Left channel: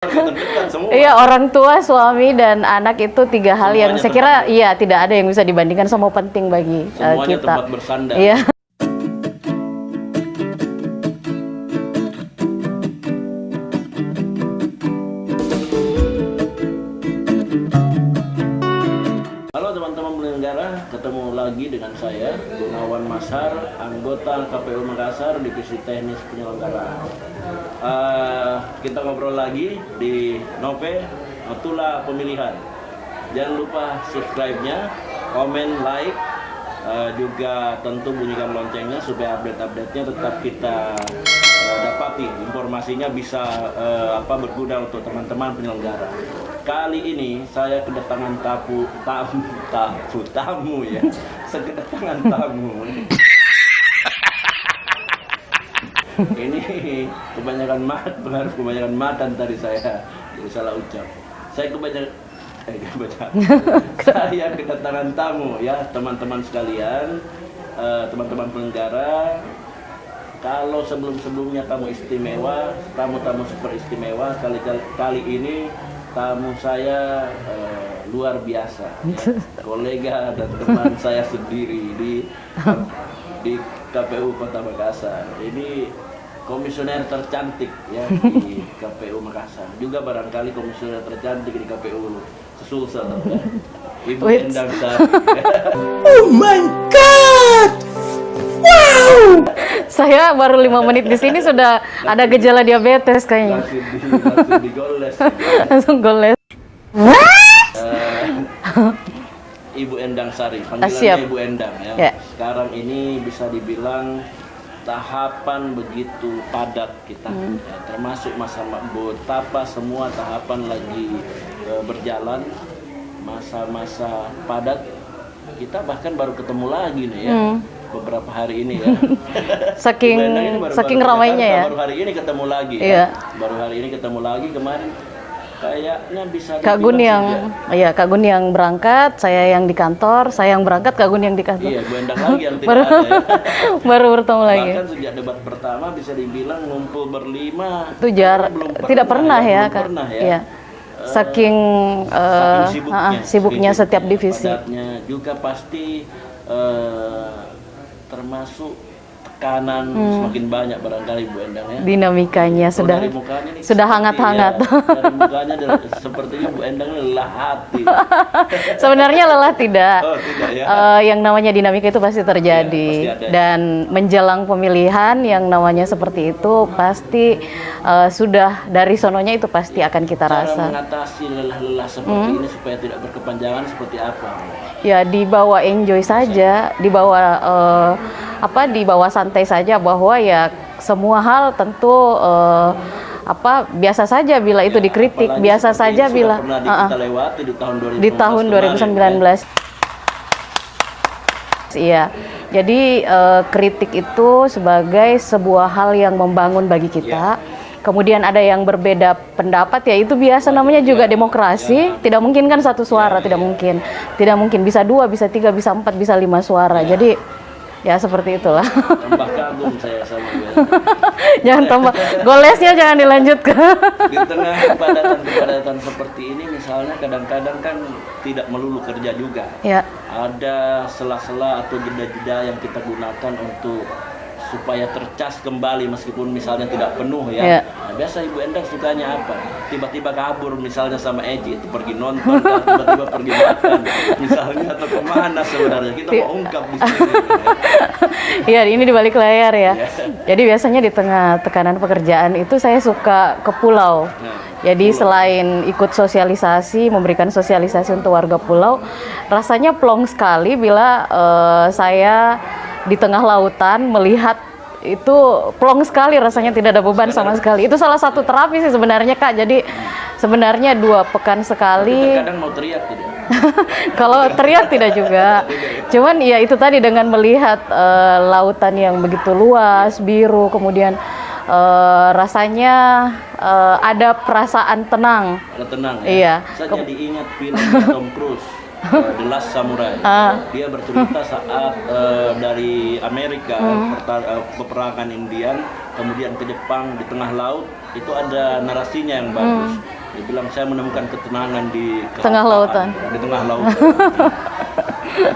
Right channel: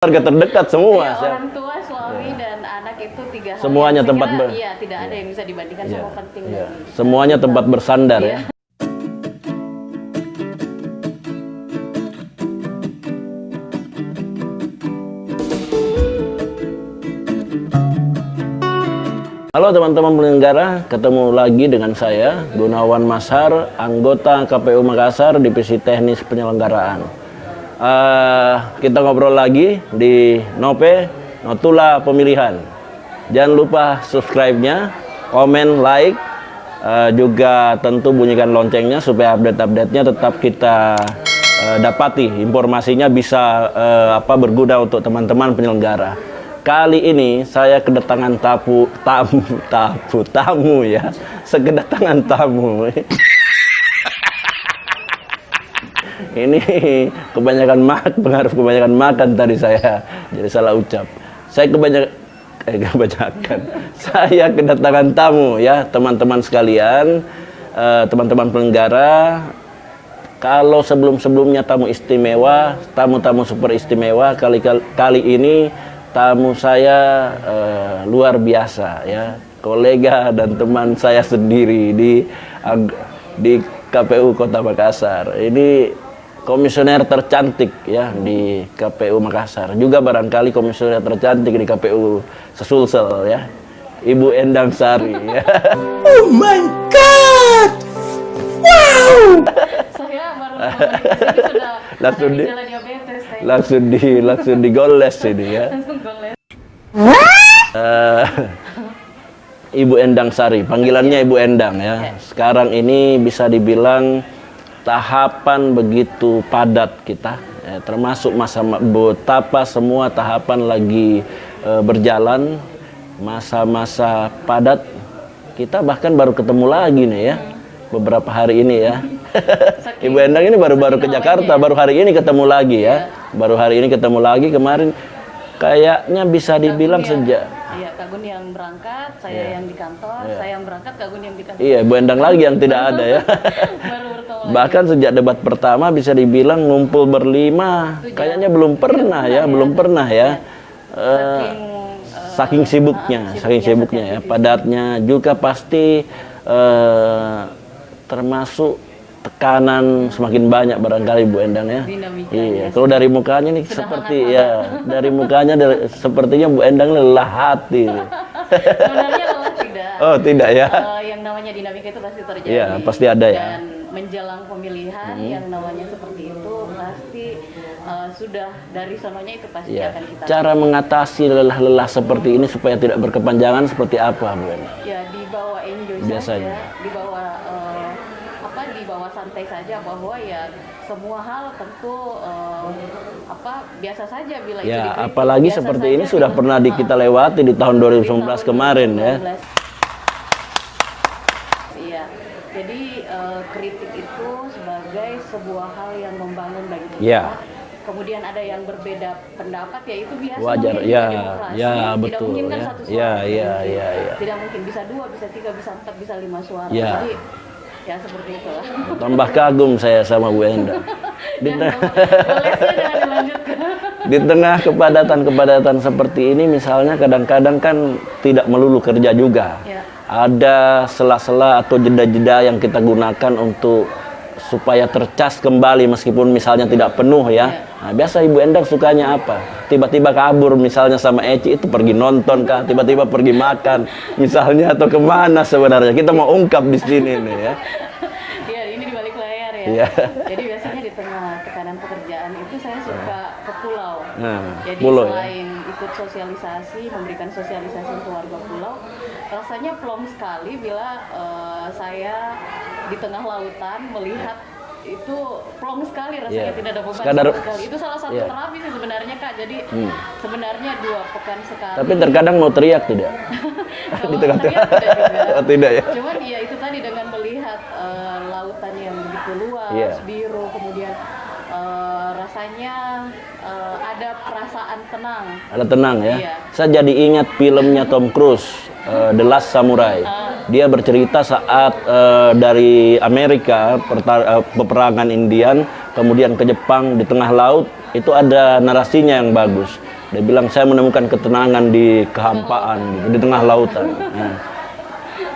Keluarga terdekat semua. Iya, orang tua, suami, dan anak itu tiga hal yang Semuanya saya kira tempat iya tidak ada yang bisa dibandingkan sama penting bagi Semuanya kita. tempat bersandar. Iya. Halo teman-teman penyelenggara, ketemu lagi dengan saya Gunawan Mashar, anggota KPU Makassar, Divisi Teknis Penyelenggaraan. Kita ngobrol lagi di Nope Notula Pemilihan. Jangan lupa subscribe-nya, komen, like, juga tentu bunyikan loncengnya supaya update-update-nya tetap kita dapati. Informasinya bisa berguna untuk teman-teman penyelenggara. Kali ini saya kedatangan tamu ya, sekedatangan tamu. Ini pengaruh kebanyakan makan tadi saya, jadi salah ucap. Saya saya kedatangan tamu ya, teman-teman sekalian, teman-teman penyelenggara. Kalau sebelum-sebelumnya tamu istimewa, tamu-tamu super istimewa, kali ini tamu saya luar biasa ya, kolega dan teman saya sendiri di KPU Kota Makassar. Ini komisioner tercantik ya di KPU Makassar, juga barangkali komisioner tercantik di KPU Sesulsel ya, Ibu Endang Sari ya. Oh my God! Wow! Saya baru 5 menit di sini sudah ada gejala diabetes kayaknya. Langsung digoles ini ya. Langsung goles. Ibu Endang Sari, panggilannya Ibu Endang ya. Sekarang ini bisa dibilang tahapan begitu padat kita, termasuk masa betapa semua tahapan lagi berjalan, masa-masa padat. Kita bahkan baru ketemu lagi nih ya, beberapa hari ini ya. Saking, Ibu Endang ini baru ke Jakarta, ya? baru hari ini ketemu lagi ya. Baru hari ini ketemu lagi, kemarin kayaknya bisa dibilang sejak. Iya, Kak Gun yang berangkat, saya yang di kantor, saya yang berangkat, Kak Gun yang di kantor. Iya, Bu Endang lagi yang tidak ada ya. Baru bertemu lagi. Bahkan sejak debat pertama bisa dibilang ngumpul berlima. Itu jarang. Belum pernah, belum pernah ya. Iya. Saking sibuknya setiap divisi. Padatnya juga pasti termasuk tekanan semakin banyak barangkali Bu Endang ya. Dinamikanya kalau dari mukanya nih sudah hangat-hangat. Ya, dari mukanya sepertinya Bu Endang lelah hati. Sebenarnya lelah tidak. Oh, tidak ya. Yang namanya dinamika itu pasti terjadi. Ya, pasti ada ya. Dan menjelang pemilihan yang namanya seperti itu pasti sudah dari sononya itu pasti akan kita Cara rasa. mengatasi lelah-lelah seperti ini supaya tidak berkepanjangan seperti apa, Bu? Ya dibawa enjoy saja, dibawa dibawa santai saja, bahwa ya semua hal tentu biasa saja bila itu dikritik, biasa saja ini sudah pernah kita lewati di tahun 2019 kemarin. Iya. Jadi kritik itu sebagai sebuah hal yang membangun bagi kita. Kemudian ada yang berbeda pendapat, ya itu biasa, namanya juga demokrasi. Tidak mungkin kan satu suara, tidak mungkin. Tidak mungkin, bisa 2, bisa 3, bisa 4, bisa 5 suara. Jadi ya seperti itulah. Tambah kagum saya sama Bu Endang. Jangan tambah, golesnya jangan dilanjutkan. Di tengah kepadatan seperti ini, misalnya kadang-kadang kan tidak melulu kerja juga. Ya. Ada sela-sela atau jeda-jeda yang kita gunakan untuk supaya tercas kembali meskipun misalnya tidak penuh ya. Nah, biasa Ibu Endang sukanya apa? Tiba-tiba kabur misalnya sama Eci, itu pergi nonton kan, tiba-tiba pergi makan misalnya, atau kemana sebenarnya? Kita mau ungkap di sini nih ya. Iya, ini di balik layar ya. Jadi biasanya di tengah tekanan pekerjaan itu saya suka ke pulau. Jadi selain ikut sosialisasi, memberikan sosialisasi untuk warga pulau, rasanya plong sekali bila saya di tengah lautan melihat itu, plong sekali rasanya, tidak ada beban sama sekali. Itu salah satu terapi sih sebenarnya, Kak. Jadi sebenarnya 2 pekan sekali. Tapi terkadang mau teriak tidak? Kalau teriak tidak juga. Tidak ya? Cuman ya itu tadi, dengan melihat lautan yang begitu luas, biru, kemudian rasanya ada perasaan tenang. Ada tenang ya? Iya. Saya jadi ingat filmnya Tom Cruise, The Last Samurai. Dia bercerita saat dari Amerika, peperangan Indian, kemudian ke Jepang di tengah laut, itu ada narasinya yang bagus. Dia bilang saya menemukan ketenangan di Tengah lautan. kehampaan, di tengah lautan.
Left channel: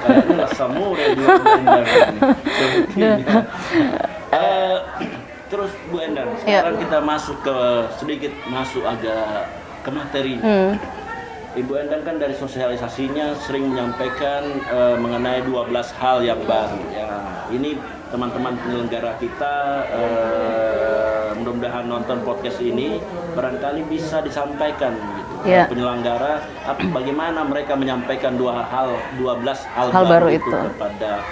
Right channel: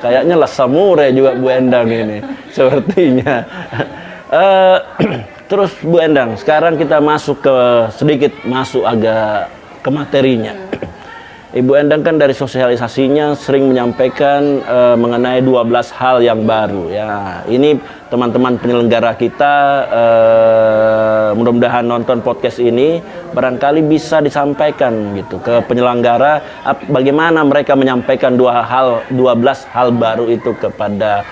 Kayaknya lah samurai juga Bu Endang ini, sepertinya. Terus Bu Endang, sekarang kita sedikit masuk agak ke materinya. Ibu Endang kan dari sosialisasinya sering menyampaikan mengenai 12 hal yang baru. Ya, ini teman-teman penyelenggara kita mudah-mudahan nonton podcast ini barangkali bisa disampaikan gitu ke penyelenggara bagaimana mereka menyampaikan 12 hal baru itu kepada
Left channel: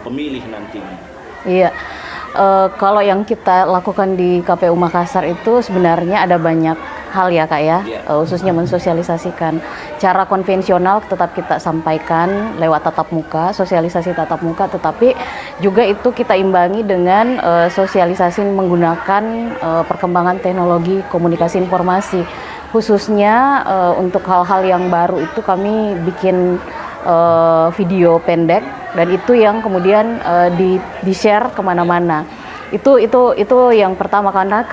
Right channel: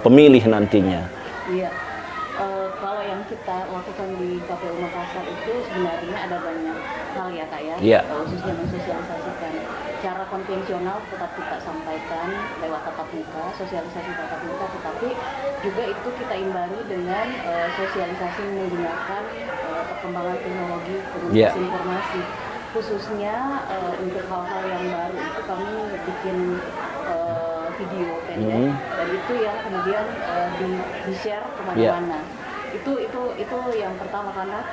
pemilih nantinya. Iya. Kalau yang kita lakukan di KPU Makassar itu sebenarnya ada banyak hal ya Kak ya, khususnya mensosialisasikan. Cara konvensional tetap kita sampaikan lewat tatap muka, sosialisasi tatap muka, tetapi juga itu kita imbangi dengan sosialisasi menggunakan perkembangan teknologi komunikasi informasi. Khususnya untuk hal-hal yang baru itu kami bikin video pendek dan itu yang kemudian di-share kemana-mana. Itu yang pertama karena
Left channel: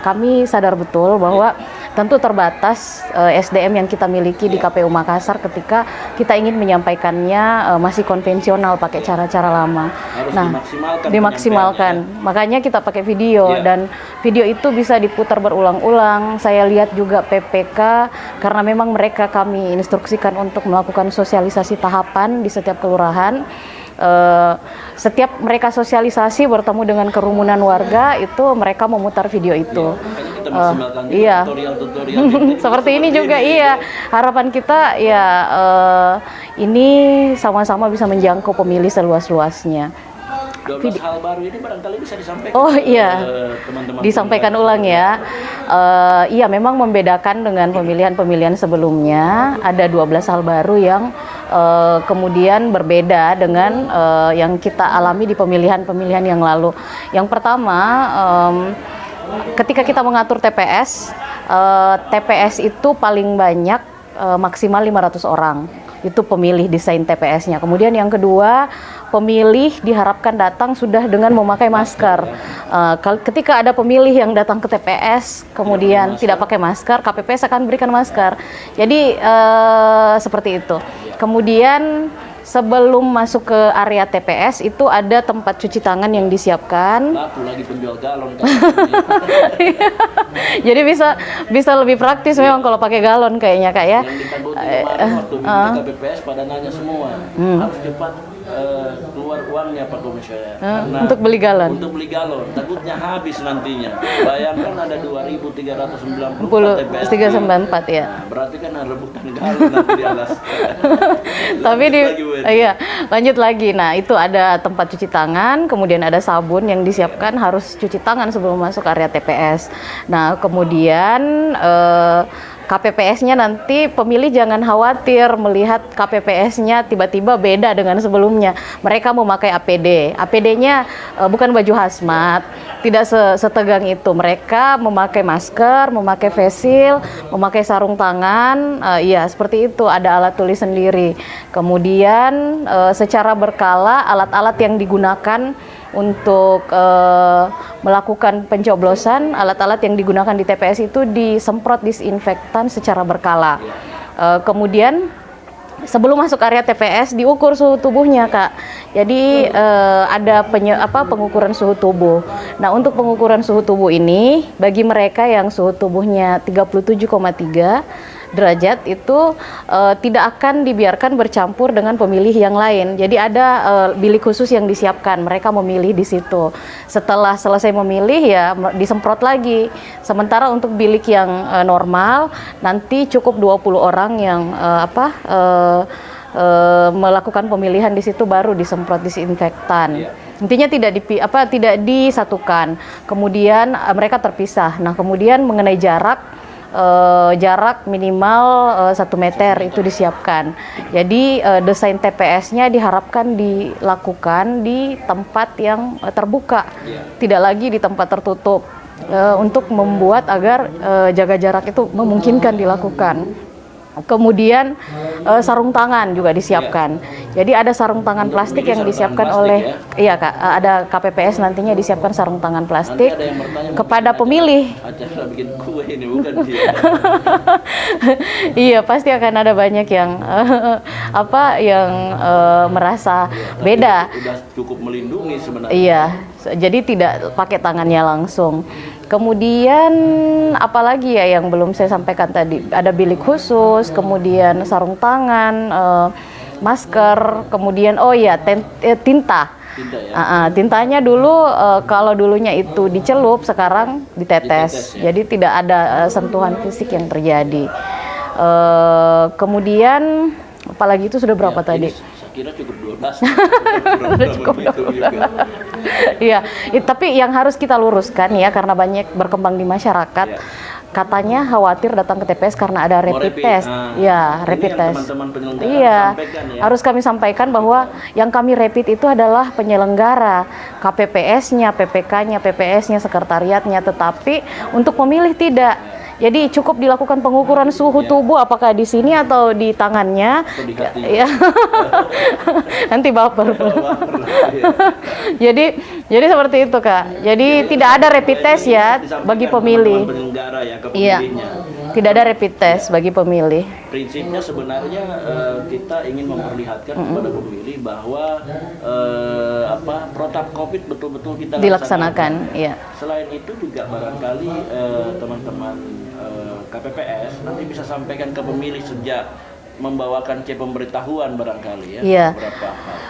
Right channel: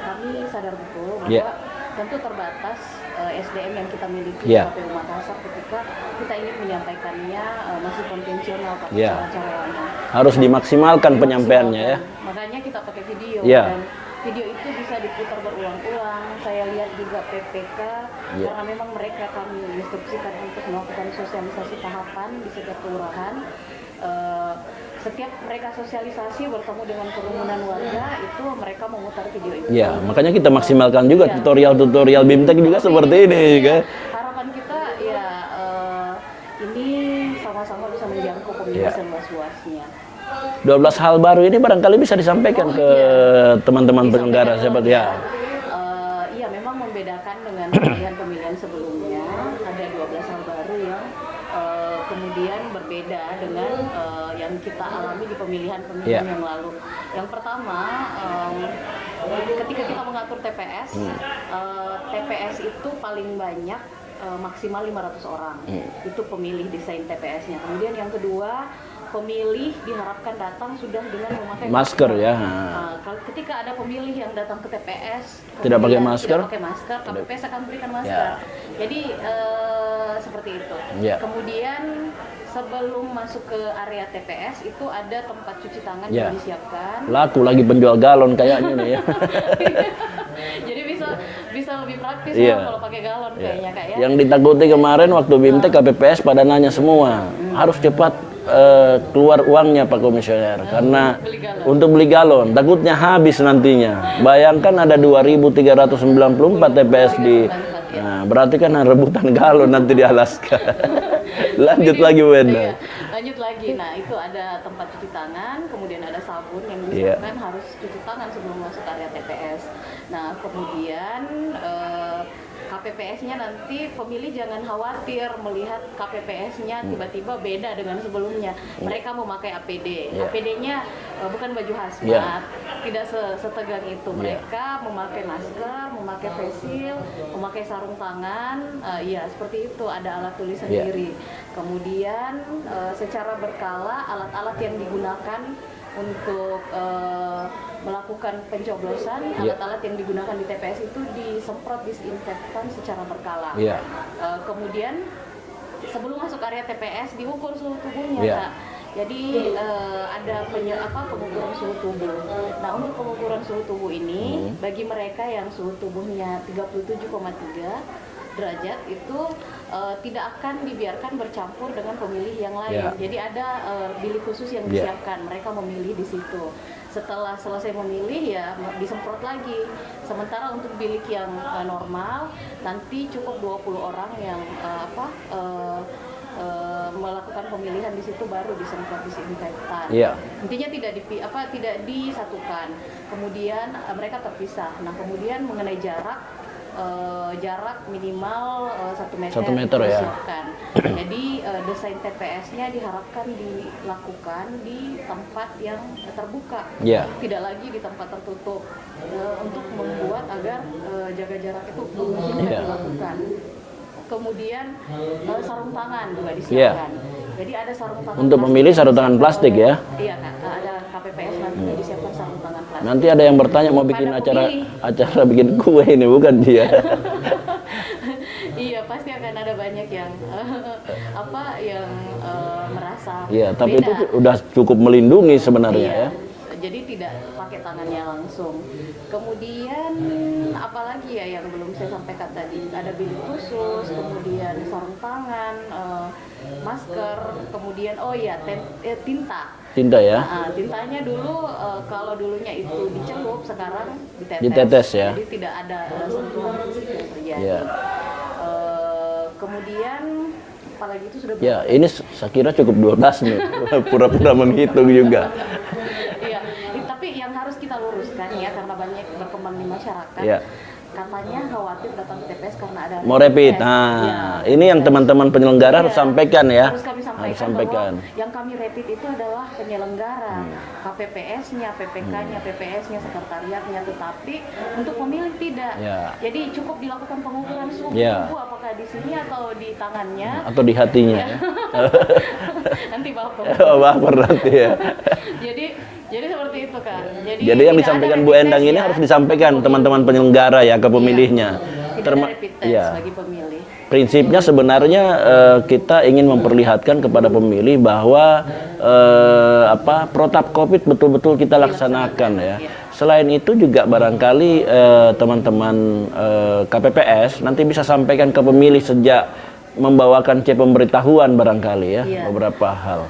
kami sadar betul bahwa tentu terbatas SDM yang kita miliki di KPU Makassar ketika kita ingin menyampaikannya masih konvensional pakai cara-cara lama. Harus dimaksimalkan penyampaiannya. Makanya kita pakai video dan video itu bisa diputar berulang-ulang. Saya lihat juga PPK karena memang kami instruksikan untuk melakukan sosialisasi tahapan di setiap kelurahan. Setiap mereka sosialisasi bertemu dengan kerumunan warga itu mereka memutar video itu. Makanya kita maksimalkan juga tutorial BIMTEK juga seperti ini juga. Harapan kita ini sama-sama bisa menjangkau pemilih seluas-luasnya. 12 hal baru ini barangkali bisa disampaikan ke teman-teman. Disampaikan ulang ya. Iya, memang membedakan dengan pemilihan-pemilihan sebelumnya. Ada 12 hal baru yang kemudian berbeda dengan yang kita alami di pemilihan-pemilihan yang lalu. Yang pertama, ketika kita mengatur TPS, TPS itu paling banyak maksimal 500 orang. Itu pemilih desain TPS-nya. Kemudian yang kedua, pemilih diharapkan datang sudah dengan memakai masker. Ketika ada pemilih yang datang ke TPS kemudian tidak pakai masker, KPPS akan berikan masker. Jadi seperti itu. Kemudian sebelum masuk ke area TPS itu ada tempat cuci tangan yang disiapkan. Laku lagi penjual galon kayaknya. Jadi bisa lebih praktis memang kalau pakai galon kayaknya Kak ya. Yang ditakuti kemarin waktu BIMTEK KPPS pada nanya semua harus cepat keluar uangnya Pak Komisioner karena untuk beli galon takutnya habis nantinya. Bayangkan ada 2.394 TPS 394 ya. Nah, berarti kan rebutan galon nanti di Alaska. Lanjut lagi. Nah, itu ada tempat cuci tangan, kemudian ada sabun yang disiapkan harus cuci tangan sebelum masuk area TPS. Nah, kemudian KPPS-nya nanti pemilih jangan khawatir melihat KPPS-nya tiba-tiba beda dengan sebelumnya. Mereka memakai APD. APD-nya bukan baju hazmat, tidak setegang itu. Mereka memakai masker, memakai face shield, memakai sarung tangan. Seperti itu. Ada alat tulis sendiri. Kemudian secara berkala alat-alat yang digunakan untuk melakukan pencoblosan, alat-alat yang digunakan di TPS itu disemprot disinfektan secara berkala. Kemudian sebelum masuk area TPS diukur suhu tubuhnya Kak. Jadi ada pengukuran suhu tubuh. Nah, untuk pengukuran suhu tubuh ini bagi mereka yang suhu tubuhnya 37,3 derajat itu tidak akan dibiarkan bercampur dengan pemilih yang lain. Jadi ada bilik khusus yang disiapkan. Mereka memilih di situ. Setelah selesai memilih ya disemprot lagi. Sementara untuk bilik yang normal nanti cukup 20 orang yang melakukan pemilihan di situ baru disemprot disinfektan. Intinya tidak disatukan. Kemudian mereka terpisah. Nah, kemudian mengenai jarak minimal 1 meter itu disiapkan. Jadi desain TPS-nya diharapkan dilakukan di tempat yang terbuka, tidak lagi di tempat tertutup, untuk membuat agar jaga jarak itu memungkinkan dilakukan. Kemudian sarung tangan juga disiapkan. Jadi ada sarung tangan Untuk plastik memilih yang sarung tangan disiapkan plastik oleh ya? Iya Kak, ada KPPS nantinya disiapkan sarung tangan plastik. Nanti ada yang bertanya mau kepada bikin pemilih. acara bikin kue ini bukan dia. Iya, pasti akan ada banyak yang merasa Tapi beda. itu udah cukup melindungi sebenarnya. Iya, jadi tidak pakai tangannya langsung. Kemudian apalagi ya yang belum saya sampaikan tadi, ada bilik khusus, kemudian sarung tangan, masker, kemudian tinta. Tinta ya. Tintanya dulu kalau dulunya itu dicelup, sekarang ditetes. Ya? Jadi tidak ada sentuhan fisik yang terjadi. Kemudian apalagi itu sudah berapa tadi? Ini saya kira cukup 12 nih. Pura-pura menghitung juga. Iya, tapi yang harus kita luruskan ya, karena banyak berkembang di masyarakat. Ya. Katanya khawatir datang ke TPS karena ada Mau rapid test. Nah, Ya, ini yang test. teman-teman penyelenggara harus sampaikan ya. Harus kami sampaikan bahwa yang kami rapid itu adalah penyelenggara, KPPS-nya, PPK-nya, PPS-nya, sekretariatnya, tetapi untuk pemilih tidak. Ya. Jadi cukup dilakukan pengukuran suhu tubuh, apakah di sini atau di tangannya. Atau di hatinya. Ya. Nanti baper. Baper nanti ya. Jadi seperti itu Kak. Jadi yang tidak ada disampaikan Bu rapid Endang test ini ya harus disampaikan bagi pemilih. teman-teman penyelenggara ya ke pemilihnya. Tidak ada rapid test bagi pemilih. Prinsipnya sebenarnya kita ingin memperlihatkan kepada pemilih bahwa protap COVID betul-betul kita laksanakan ya. Iya. Selain itu juga barangkali teman-teman KPPS nanti bisa sampaikan ke pemilih sejak membawakan C pemberitahuan barangkali ya, Iya. beberapa hal.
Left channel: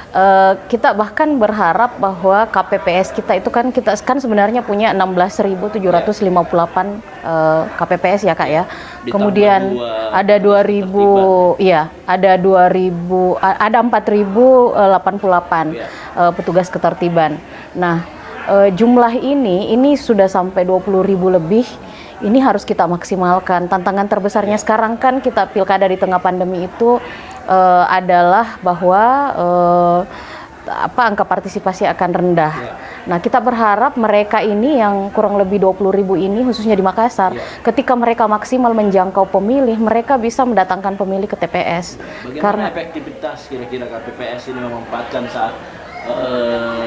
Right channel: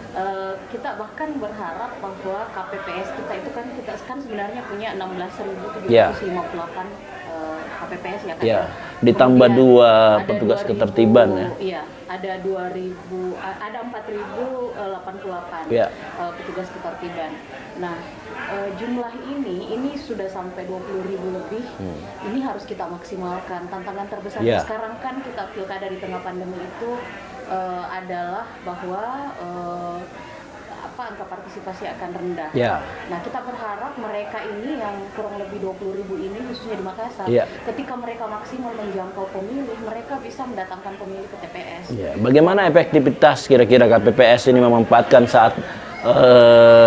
Kita bahkan berharap bahwa KPPS kita itu kan sebenarnya punya 16.758 KPPS ya Kak ya. Ditambah Kemudian ada petugas 2.000, ketertiban iya, ada 2.000, ada 4.088 Ya. Petugas ketertiban. Nah, jumlah ini sudah sampai 20.000 lebih. Ini harus kita maksimalkan. Tantangan terbesarnya sekarang kan kita pilkada di tengah pandemi itu adalah bahwa angka partisipasi akan rendah. Ya. Nah, kita berharap mereka ini yang kurang lebih 20.000 ini, khususnya di Makassar, ketika mereka maksimal menjangkau pemilih, mereka bisa mendatangkan pemilih ke TPS. Ya. Bagaimana efektivitas kira-kira KPPS ini memanfaatkan saat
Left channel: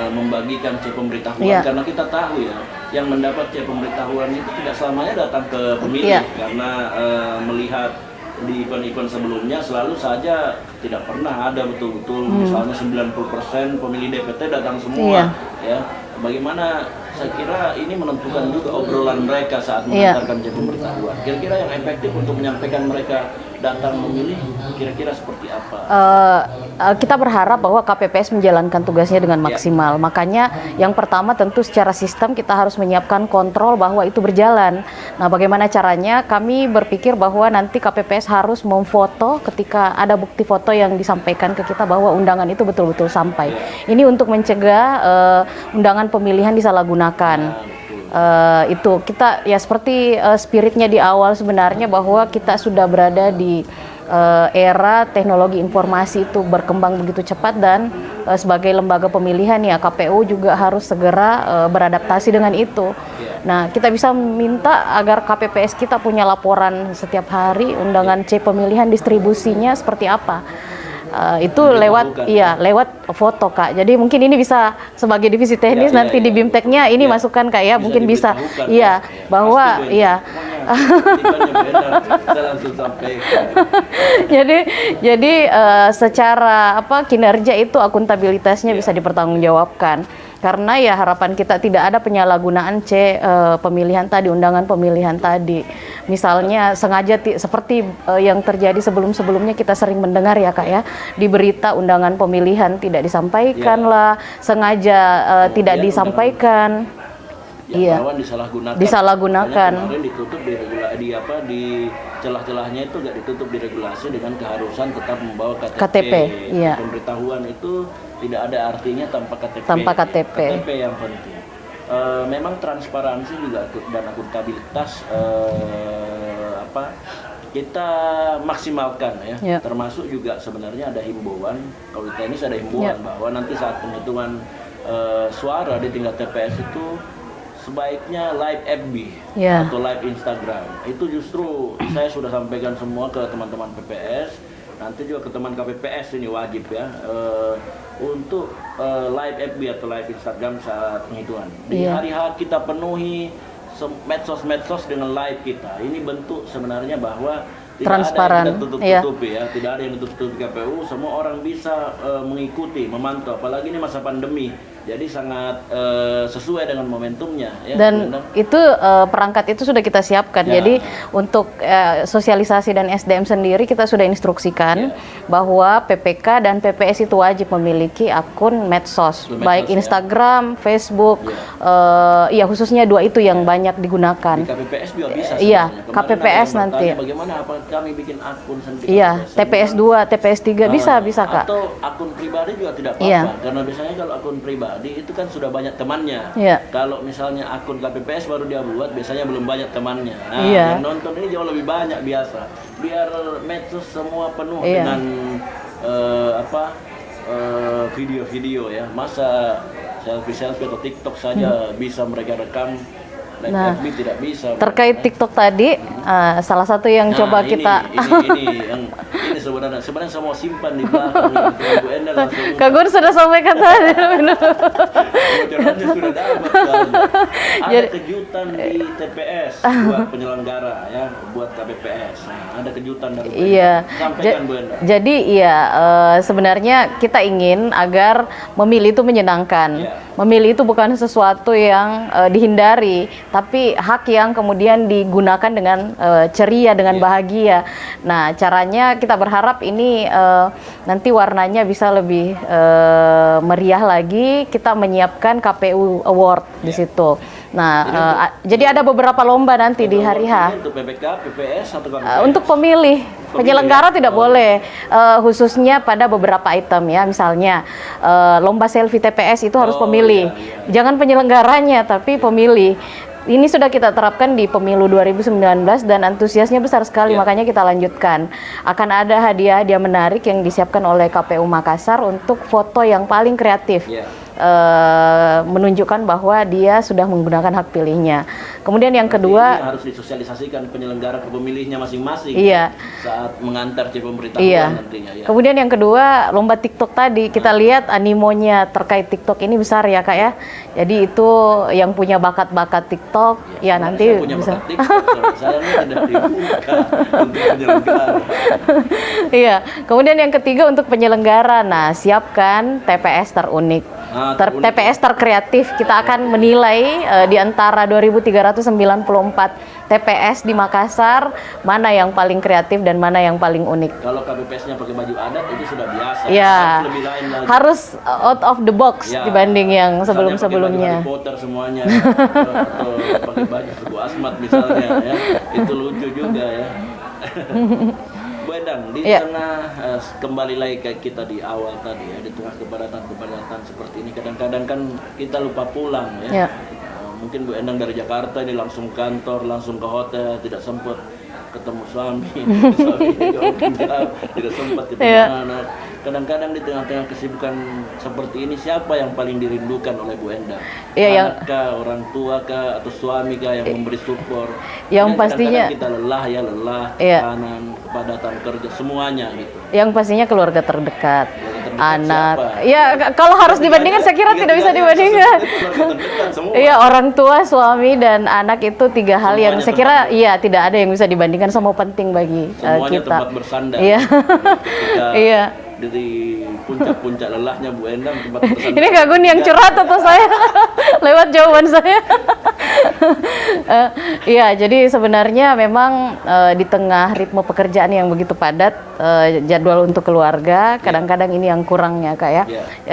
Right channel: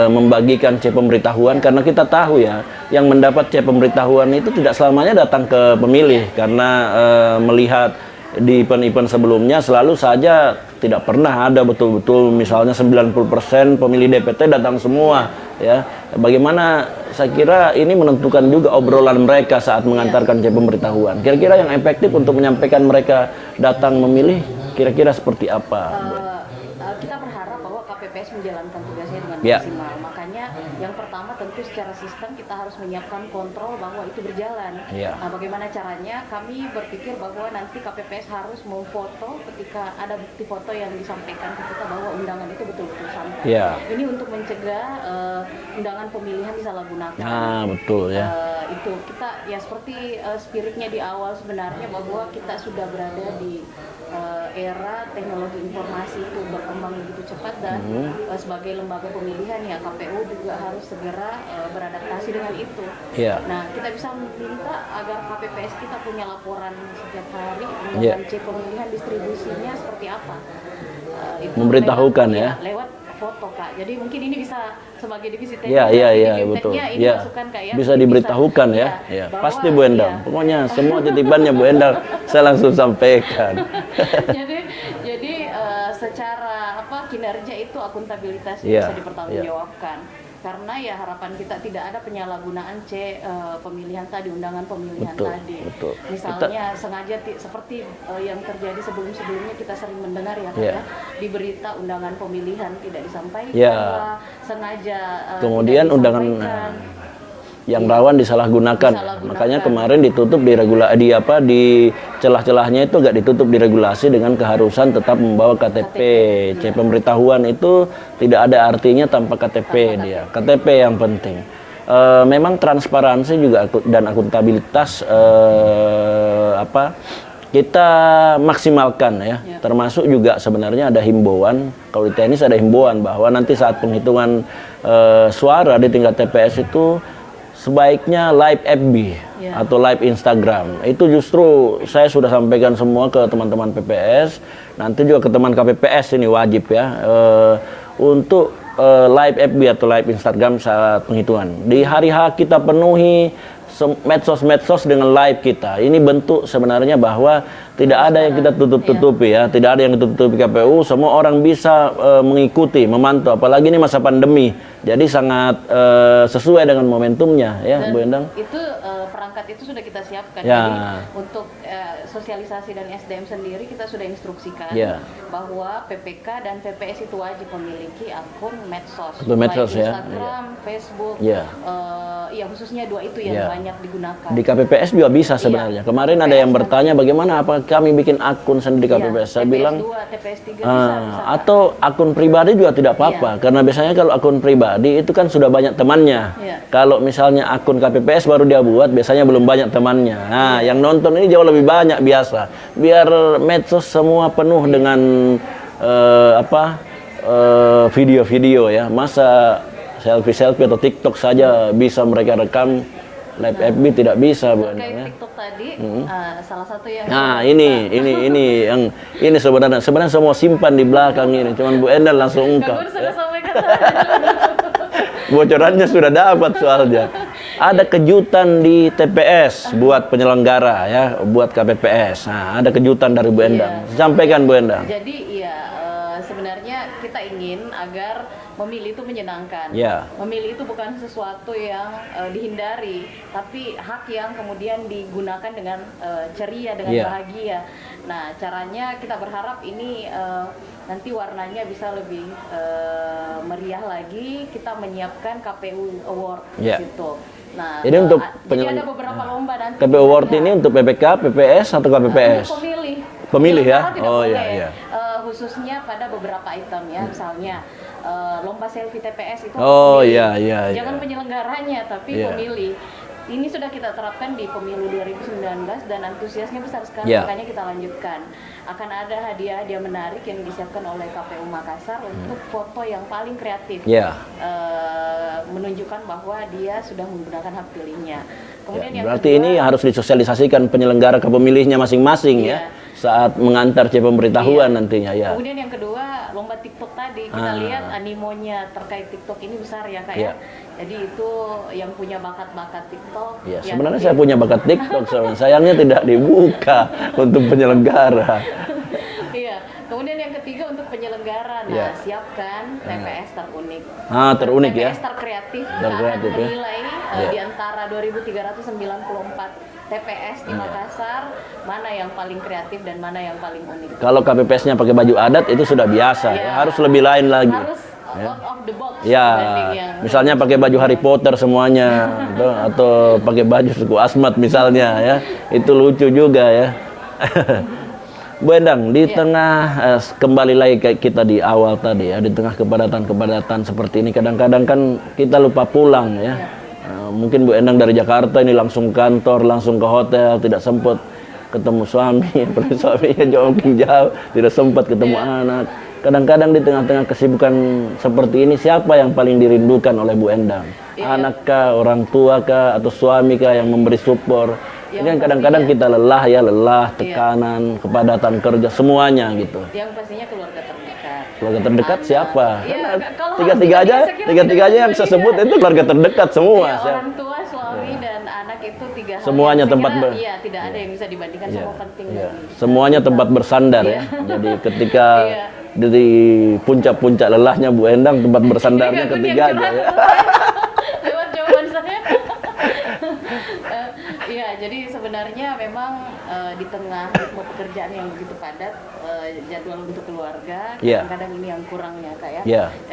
membagikan C pemberitahuan? Karena kita tahu ya, yang mendapat C pemberitahuan itu tidak selamanya datang ke pemilih, karena melihat di event-event sebelumnya selalu saja tidak pernah ada betul-betul misalnya 90% pemilih DPT datang semua ya. Bagaimana saya kira ini menentukan juga obrolan mereka saat mengantarkan C pemberitahuan. Kira-kira yang efektif untuk menyampaikan mereka datang memilih kira-kira seperti apa? Kita berharap bahwa KPPS menjalankan tugasnya dengan maksimal. Makanya yang pertama tentu secara sistem kita harus menyiapkan kontrol bahwa itu berjalan. Nah, bagaimana caranya? Kami berpikir bahwa nanti KPPS harus memfoto ketika ada bukti foto yang disampaikan ke kita bahwa undangan itu betul-betul sampai. Ini untuk mencegah undangan pemilihan disalahgunakan. Nah, betul ya. Itu kita ya seperti spiritnya di awal sebenarnya bahwa kita sudah berada di era teknologi informasi itu berkembang begitu cepat dan sebagai lembaga pemilihan ya KPU juga harus segera beradaptasi dengan itu. Nah, kita bisa minta agar KPPS kita punya laporan setiap hari undangan C pemilihan distribusinya seperti apa. Itu lewat foto Kak. Jadi mungkin ini bisa sebagai divisi teknis nanti di BIMTEK-nya ini masukan Kak ya, mungkin bisa bahwa pasti Bu Endang. Pokoknya semua titipannya Bu Endang saya langsung sampaikan. jadi secara kinerja itu akuntabilitasnya bisa dipertanggungjawabkan. Karena ya harapan kita tidak ada penyalahgunaan C pemilihan tadi, undangan pemilihan tadi. Misalnya sengaja seperti yang terjadi sebelum-sebelumnya kita sering mendengar ya Kak ya, di berita undangan pemilihan tidak disampaikan lah, sengaja tidak disampaikan. Yang lawan disalahgunakan. Makanya kemarin ditutup di celah-celahnya itu agak ditutup diregulasi dengan keharusan tetap membawa KTP. C pemberitahuan itu tidak ada artinya tanpa KTP. KTP yang penting. Memang transparansi juga dan akuntabilitas kita maksimalkan ya. Termasuk juga sebenarnya ada himbauan, kalau di teknis ada himbauan bahwa nanti saat penghitungan suara di tingkat TPS itu sebaiknya live FB atau live Instagram. Itu justru saya sudah sampaikan semua ke teman-teman PPS, nanti juga ke teman KPPS ini wajib ya, untuk live FB atau live Instagram saat penghitungan. Di hari H kita penuhi medsos-medsos dengan live kita. Ini bentuk sebenarnya bahwa tidak ada yang kita tutup-tutupi ya, tidak ada yang tutup-tutupi KPU. Semua orang bisa mengikuti, memantau. Apalagi ini masa pandemi, jadi sangat sesuai dengan momentumnya ya. Dan itu perangkat itu sudah kita siapkan. Jadi untuk sosialisasi dan SDM sendiri kita sudah instruksikan bahwa PPK dan PPS itu wajib memiliki akun medsos, baik Instagram, Facebook, ya khususnya dua itu yang banyak digunakan. Di KPPS juga bisa sebenarnya. Kemarin KPPS ada yang bertanya bagaimana apa kami bikin akun sendiri di KPPS. TPS 2, TPS 3 bisa Kak. Atau akun pribadi juga tidak apa-apa. Karena biasanya kalau akun pribadi itu kan sudah banyak temannya. Kalau misalnya akun KPPS baru dia buat, biasanya belum banyak temannya. Nah, yang nonton ini jauh lebih banyak biasa. Biar medsos semua penuh dengan video-video ya. Masa selfie-selfie atau TikTok saja bisa mereka rekam. Live FB tidak bisa. Terkait TikTok tadi, salah satu yang coba kita ini sebenarnya semua simpan di belakang ini. Cuma Bu Endang langsung Kak Gun sudah sampaikan tadi. Bocorannya sudah dapat soalnya. Ada kejutan di TPS buat penyelenggara ya, buat KPPS. Nah, ada kejutan dari Bu Endang. Sampaikan Bu Endang. Jadi sebenarnya kita ingin agar memilih itu menyenangkan. Memilih itu bukan sesuatu yang dihindari, tapi hak yang kemudian digunakan dengan ceria, dengan bahagia. Nah, caranya kita berharap ini nanti warnanya bisa lebih meriah lagi. Kita menyiapkan KPU Award di situ. Nah, jadi ada beberapa lomba nanti di hari H. Ini untuk PPK, PPS atau KPPS? Untuk pemilih. Penyelenggara tidak boleh, khususnya pada beberapa item ya, misalnya lomba selfie TPS itu harus pemilih. Jangan penyelenggaranya, tapi pemilih. Ini sudah kita terapkan di pemilu 2019 dan antusiasnya besar sekali, makanya kita lanjutkan. Akan ada hadiah-hadiah menarik yang disiapkan oleh KPU Makassar untuk foto yang paling kreatif, menunjukkan bahwa dia sudah menggunakan hak pilihnya. Kemudian yang kedua, ini harus disosialisasikan penyelenggara ke pemilihnya masing-masing ya, saat mengantar pemberitahuan nantinya ya. Kemudian yang kedua, lomba TikTok tadi kita lihat animonya terkait TikTok ini besar ya Kak ya. Jadi itu yang punya bakat-bakat TikTok nanti saya punya bakat TikTok, sayangnya tidak dibuka untuk penyelenggara. Kemudian yang ketiga untuk penyelenggara, nah siapkan TPS terunik. TPS terkreatif, kita akan menilai di antara 2.394 TPS di Makassar, mana yang paling kreatif dan mana yang paling unik. Kalau KPPS-nya pakai baju adat itu sudah biasa, harus lebih lain lagi. Harus out of the box dibanding yang misalnya pakai baju Harry Potter semuanya, atau pakai baju suku Asmat misalnya ya, itu lucu juga ya. Bu Endang, di tengah kembali lagi kayak kita di awal tadi ya, di tengah kepadatan seperti ini, kadang-kadang kan kita lupa pulang ya. Mungkin Bu Endang dari Jakarta ini langsung kantor, langsung ke hotel, tidak sempat ketemu suami, tapi suaminya jauh, tidak sempat ketemu anak. Kadang-kadang di tengah-tengah kesibukan seperti ini, siapa yang paling dirindukan oleh Bu Endang? Anak kah, orang tua kah, atau suami kah yang memberi support? Yang kadang-kadang kita lelah, tekanan, kepadatan kerja, semuanya gitu. Yang pastinya keluarga terdekat. Keluarga terdekat anak. siapa? Ya kalau harus dibandingkan, saya kira tidak bisa dibandingkan. Itu keluarga terdekat semua. Iya, orang tua, suami, dan anak itu tiga hal semuanya yang saya kira tidak ada yang bisa dibandingkan, sama penting bagi semuanya kita. Tempat bersandar. Jadi ketika di puncak-puncak lelahnya Bu Endang, tempat bersandar. Ini Kak Gun yang curhat atau saya lewat jawaban saya? Jadi sebenarnya memang di tengah ritme pekerjaan yang begitu padat, jadwal untuk keluarga kadang-kadang ini yang kurangnya Kak ya.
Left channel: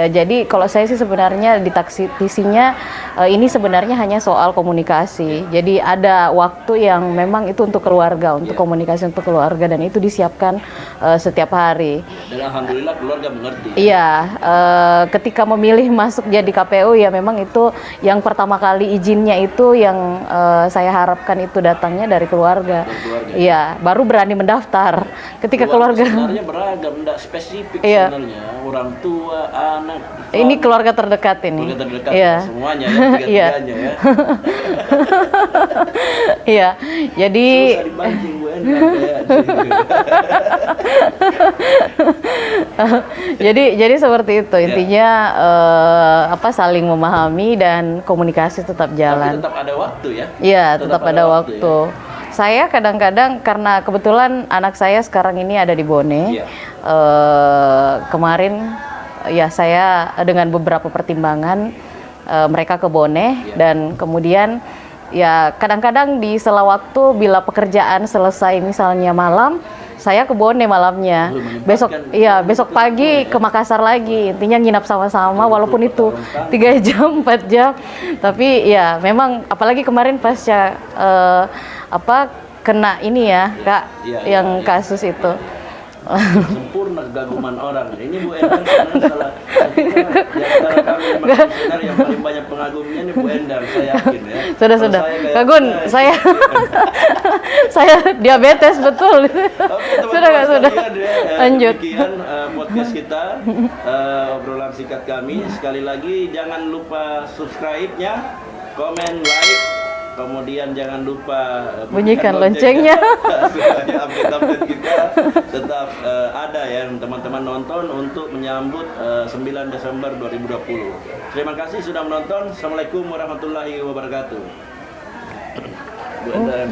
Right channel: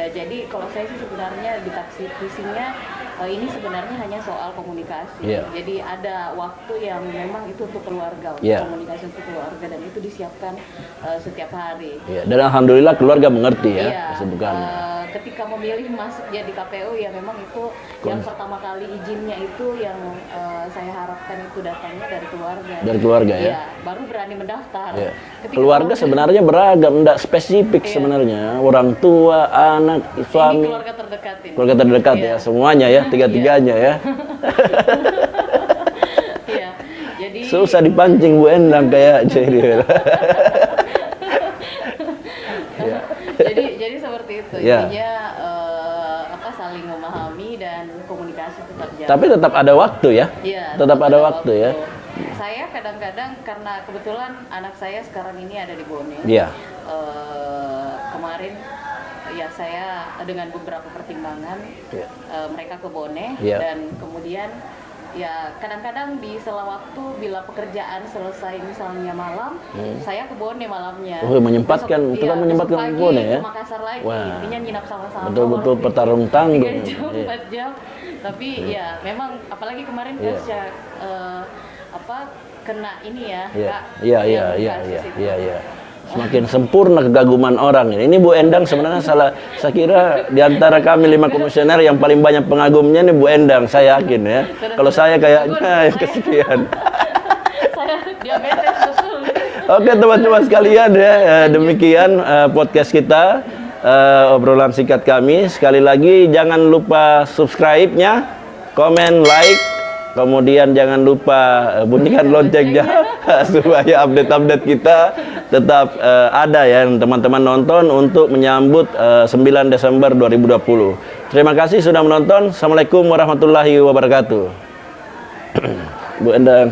Jadi kalau saya sih sebenarnya di taksisinya ini sebenarnya hanya soal komunikasi. Jadi ada waktu yang memang itu untuk keluarga, untuk komunikasi untuk keluarga, dan itu disiapkan setiap hari. Dan alhamdulillah keluarga mengerti. Ketika memilih masuk jadi KPU ya memang itu yang pertama kali izinnya itu yang saya harapkan itu datangnya dari keluarga. Dari keluarga, ya? Iya, baru berani mendaftar. Ketika keluarga sebenarnya beragam, enggak spesifik sebenarnya. Orang tua, anak, suami. ini keluarga terdekat ini. Keluarga terdekat ya, semuanya ya, tiga-tiganya ya. Iya, jadi susah dipancing Bu Endang kayak jadi seperti itu intinya, saling memahami dan komunikasi tetap jalan. Tapi tetap ada waktu ya? Iya, tetap ada waktu. Ya? Saya kadang-kadang karena kebetulan anak saya sekarang ini ada di Bone. Iya. Kemarin ya saya dengan beberapa pertimbangan mereka ke Bone, dan kemudian ya kadang-kadang di sela waktu bila pekerjaan selesai misalnya malam, saya ke Bone malamnya. Besok pagi ke Makassar lagi. Intinya nginap sama-sama walaupun itu 3 jam 4 jam. Tapi ya memang apalagi kemarin pasca kena ini ya, Kak, yang kasus itu. Makin sempurna kegaguman orang. Ini Bu Endang sebenarnya saya kira di antara kami 5 komisioner yang paling banyak pengagumnya nih Bu Endang, saya yakin ya. Kalau saya kayak saya diabetes betul. Oke teman-teman sekalian ya, demikian podcast kita, obrolan singkat kami. Sekali lagi jangan lupa subscribe-nya, komen, like. Kemudian jangan lupa bunyikan loncengnya supaya update-update kita tetap ada ya teman-teman nonton untuk menyambut 9 Desember 2020. Terima kasih sudah menonton. Assalamualaikum warahmatullahi wabarakatuh. Bu Endang.